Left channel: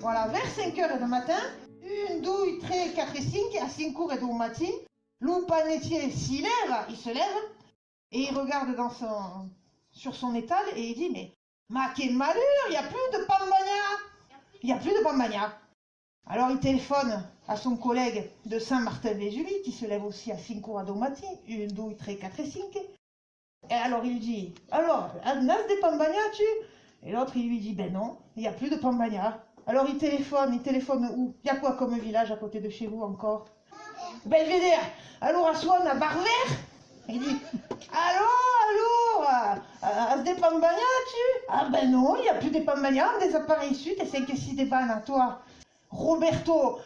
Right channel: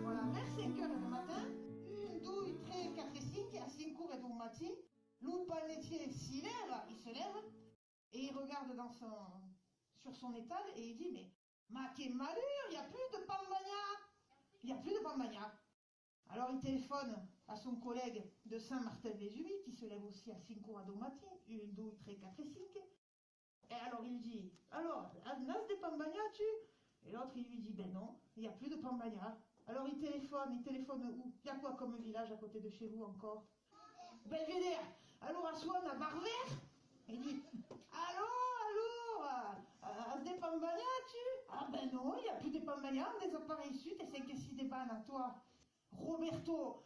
Voilà, vers 5 heures du matin, 1, 2, 3, 4 et 5, à 5 heures du matin, le panetier il se lève, et il regarde sur son étal, et il dit, mais quelle malheur, il n'y a plus de pambagna. Il n'y a plus de pambagna. Alors il téléphone à son collègue de Saint-Martin-Vésulie, qui se lève aussi à 5 heures du matin, 1, 2, 3, 4 et 5. Et alors il lui dit, alors, as des pambagna tu? Et l'autre il lui dit, ben non, il n'y a plus de pambagna. Alors il téléphone où? Il y a quoi comme village à côté de chez vous encore? Belvédère. Alors à Swan, à Barvert. Il dit, alors, as des pambagna tu? Ah ben non, il n'y a plus de pambagna, des appareils sud et 5 et 6 des bannes à toi. Roberto,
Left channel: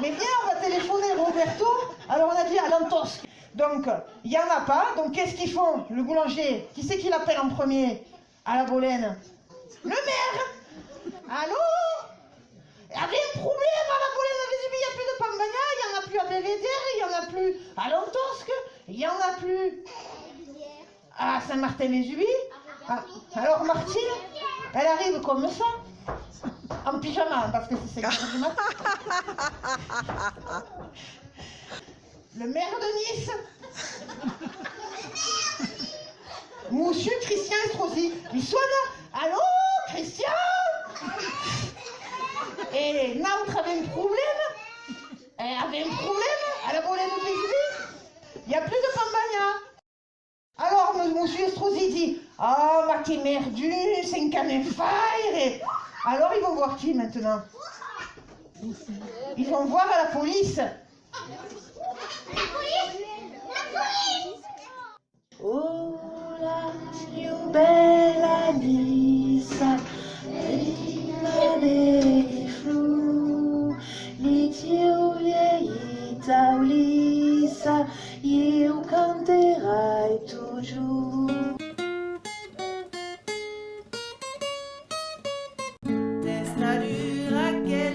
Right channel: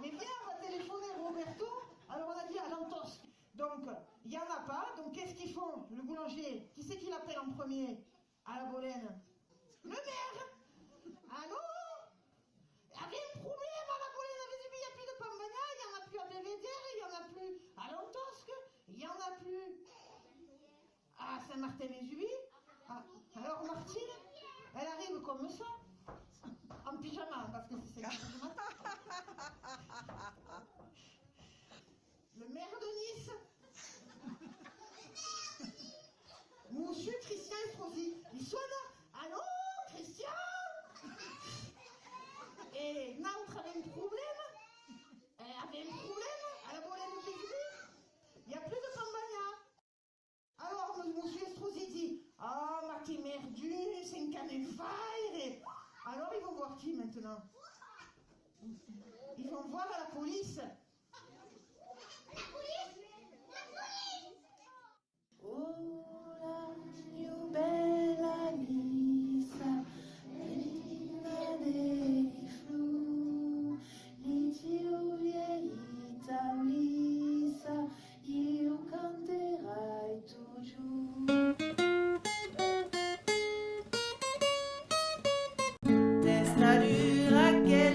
mais viens, on va téléphoner Roberto. Alors on a dit à Lantosque. Donc, il n'y en a pas. Donc, qu'est-ce qu'ils font? Le boulanger, qui c'est qui l'appelle en premier? À la Bolène. Le maire. Allô? Il y avait un problème à la Bolène. Il n'y a plus de pambagna, il n'y en a plus à Belvédère, il n'y en a plus à Lantosque, il n'y en a plus à Saint-Martin-les-Julies. Alors, Martine, elle arrive comme ça. En pyjama, parce que c'est 5 heures du matin. Le maire de Nice. Monsieur Christian Estrosi. Il sonne. Allô, Christian? Et Nantes avait un problème. Elle avait un problème à la Bolène de Vésulie. Il n'y a plus de pambagna. Alors, monsieur Estrosi dit, ah, ma t'es merdu, c'est un canet fire. Et... alors, ils vont voir qui maintenant? Ils vont voir à la police. Oh la più bella Nisa, bella dei flu, li tiu vieita Ulissa, eu canterai toujours. Des natura che